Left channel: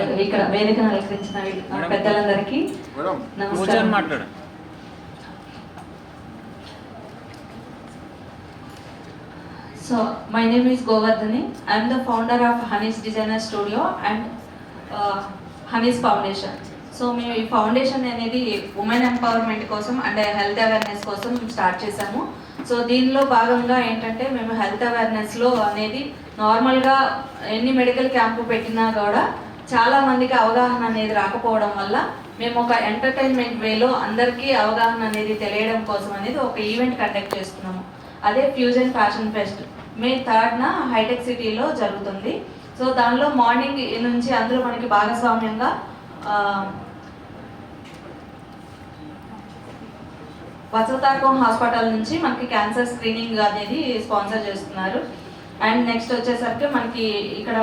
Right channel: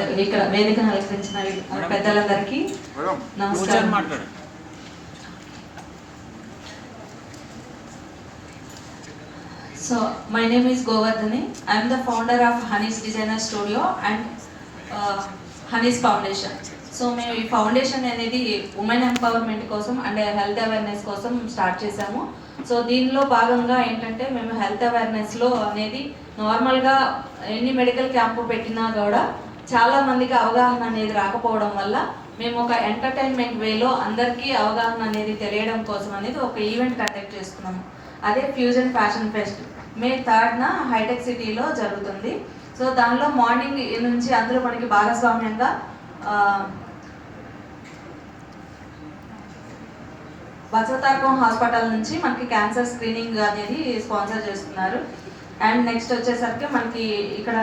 And ఇక్కడ వేదికను అలంకరించిన పెద్దలందరికీ నమస్కారం. So my name is Govardhani. I am the founder of Honey's Designer Studio and Honey's Foundation. So మేము ఈ ఫౌండేషన్ అనేది ఉమెన్ ఎంపవర్మెంట్ కోసం అండ్ హెల్త్ అవేర్నెస్ కోసం స్టార్ట్ చేశాము. సో దీనిలో భాగంగా ఏంటంటే మేము హెల్త్ అవేర్నెస్లో అనేది నార్మల్గా ఎన్ని మెడికల్ క్యాంపు పెట్టినా కూడా చాలా మందికి అవగాహన అనేది రాకపోవడం వల్ల మేము ఒక ఎంటర్టైన్మెంట్ వేలో అందరికీ అవగాహన అనేది తెలియడం కోసం అనేది ఒక ఈవెంట్ కండక్ట్ చేసుకున్నాము. అదే ఫ్యూజన్ ఫ్యాషన్ ఫెస్ట్ మే 3rd హైటెక్ సిటీలో జరుగుతుంది. సో దానిలో మార్నింగ్ నుంచి అందులో మనకి భాగస్వామ్యంగా వసతాకం హాస్పిటల్ నుంచి మనకి క్యాన్సర్ స్క్రీనింగ్ అనేది స్పాన్సర్ చేస్తున్నారు. అండ్ నెక్స్ట్ వచ్చేసరికి మనకి ఇక్కడ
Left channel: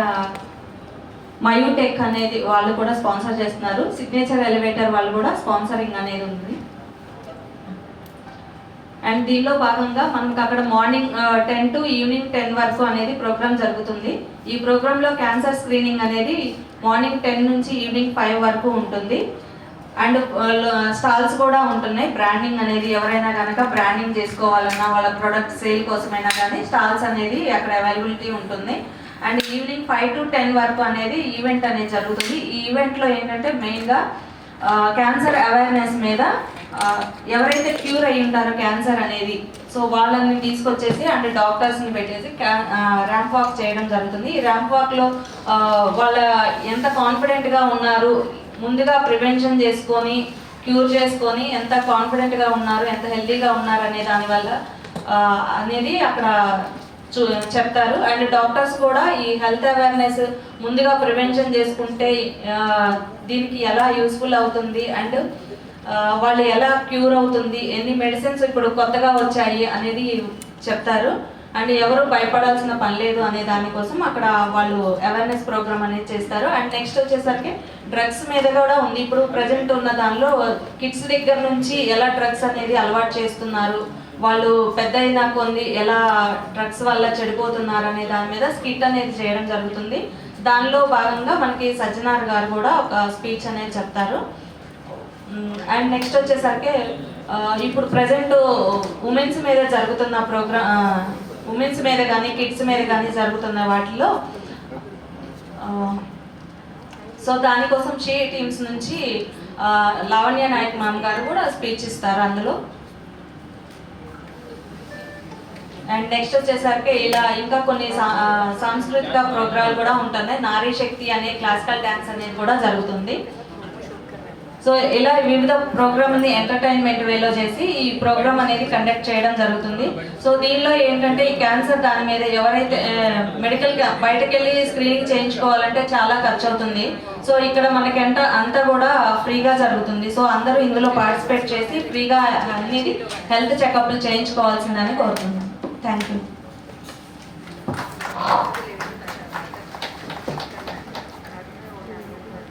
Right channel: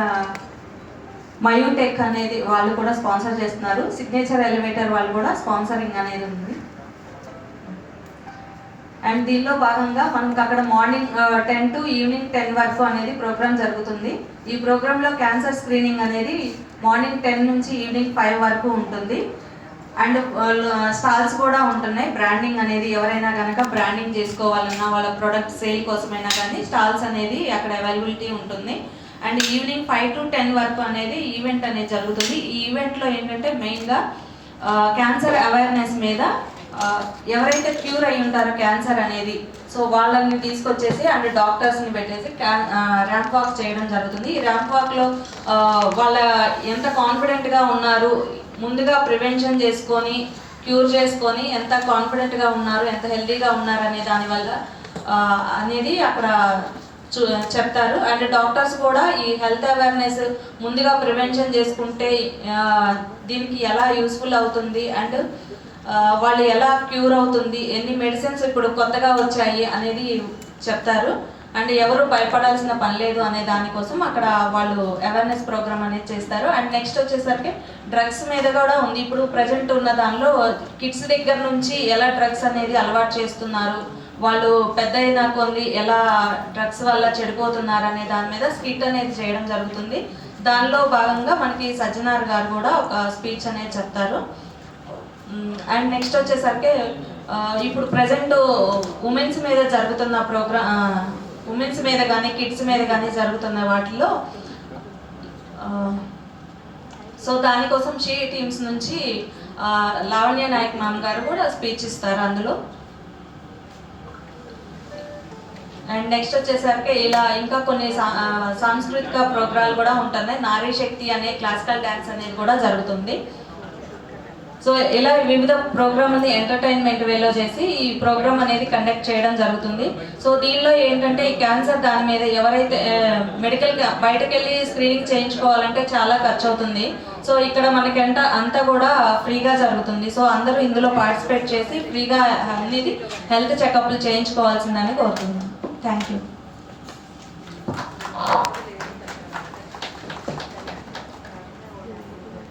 మయూటెక్ అనేది వాళ్ళు కూడా స్పాన్సర్ చేస్తున్నారు. సిగ్నేచర్ ఎలివేటర్ వాళ్ళు కూడా స్పాన్సరింగ్ అనేది ఉంది. అండ్ దీనిలో భాగంగా మనకి అక్కడ మార్నింగ్ 10 to ఈవినింగ్ 10 వరకు అనేది ప్రోగ్రామ్ జరుగుతుంది. ఈ ప్రోగ్రాంలో క్యాన్సర్ స్క్రీనింగ్ అనేది మార్నింగ్ 10 నుంచి ఈవినింగ్ 5 వరకు ఉంటుంది. అండ్ స్టాల్స్ కూడా ఉంటున్నాయి. బ్రాండింగ్ అనేది ఎవరైనా కనుక బ్రాండింగ్ చేసుకోవాలన్నా వాళ్ళ ప్రొడక్ట్ సేల్ కోసమైనా కానీ స్టాల్స్ అనేది అక్కడ అవైలబిలిటీ ఉంటుంది. అండ్ ఈవినింగ్ 5 to 10 వరకు అనేది ఈవెంట్ అనేది జరుగుతుంది. ఈ ఈవెంట్లో ఏంటంటే మెయిన్గా క్యాన్సర్ అవేర్నెస్ మీద ఎవరైతే క్యూర్ అయి ఉంటారో క్యాన్సర్ అనేది సో వాళ్ళని తీసుకొచ్చేసి అండ్ డాక్టర్స్ని పెట్టేసి ర్యాంప్ వాక్ చేయడం జరుగుతుంది. ఈ ర్యాంప్ వాక్లో వాళ్ళ ఎంత కాన్ఫిడెంట్గా ఉన్నారు, ముందుగా ప్రివెన్షన్ చేసుకొని క్యూర్ చేసుకొని ఎంత కాన్ఫిడెంట్గా ఉన్నారు, ఎంత హెల్తీగా ఉన్నారు అనే దానివల్ల అనేది అక్కడ చెప్తారు. అండ్ డాక్టర్స్ కూడా ఈ హెల్త్ అవేర్నెస్ ముందుగా ప్రివెన్షన్ చేసుకుంటే దీనికి ఎలా యూస్ఫుల్ అవుతుంది అండ్ వాళ్ళు ఎలా క్యూర్ అవుతుంది, ఎన్ని మెడిసిన్స్ ఇప్పుడు కొత్తగా వచ్చాయి అనేది చెప్తారు. అండ్ ఎవరు భయపడాల్సిన పని లేదు అనే దానికోసం అక్కడ వాళ్ళు అవేర్నెస్ ప్రోగ్రామ్ అనేది చేస్తారు. అండ్ నెక్స్ట్ వచ్చేసరికి డ్రగ్స్ మీద కూడా ఉంది. ఇప్పుడు ప్రజెంట్ ఉన్న దానిలో కిడ్స్ దగ్గర నుంచి ఎలా డ్రగ్స్ అనేది అలవాటు చేస్తున్నారు, వాళ్ళు పెద్ద అయినా కొన్ని ఎలా డ్రగ్స్ వల్ల చెడిపోతున్నారు అనే దాని మీద స్కిట్ అనేది చేయడం జరుగుతుంది. దానిలో భాగంగా మనకి సజ్జనార్ గారు కూడా ఒక స్పీచ్ అనేది చెప్తారు. అండ్ నెక్స్ట్ వచ్చేసరికి ఇప్పుడు ప్రజెంట్ ఉమెన్స్ మీద జరుగుతున్న ఉమెన్స్ మీద కానీ కిడ్స్ మీద కానీ జరుగుతున్న వాటిలో సో దానికోసం షీ టీమ్స్ నుంచి లావణ్య నాయక్ మ్యామ్ గారు కూడా స్పీచ్ ఇస్తారు అందులో. అండ్ నెక్స్ట్ వచ్చేసరికి ఇలా ఇంకా కొన్ని సాంస్కృతిక ప్రోగ్రాలు కూడా ఉంటున్నాయి. నారీ శక్తి అనే క్లాసికల్ డ్యాన్స్ అనేది కూడా జరుగుతుంది. సో ఇలా వివిధ ప్రోగ్రామ్ని ఎంటర్టైన్మెంట్ వేలో చేసి ఈ ప్రోగ్రామ్ అనేది కండక్ట్ చేయడం జరుగుతుంది. సో దీనిలో ఏంటంటే ఈ క్యాన్సర్ దాని మీద ఎవరైతే మెడికల్ బయటకు వెళ్ళి స్క్రీనింగ్ చేయించుకోవాలంటే చాలా ఖర్చు అవుతుంది. సో ఇక్కడ మనకి అంతా కూడా ఫ్రీగా జరుగుతుంది. సో అందరూ ఇందులో పార్టిసిపేట్ చేసి ఫ్రీగా అనేది హెల్త్ చెకప్లు చేయించుకోవాల్సిందని కోరుతున్నాను. Thank you.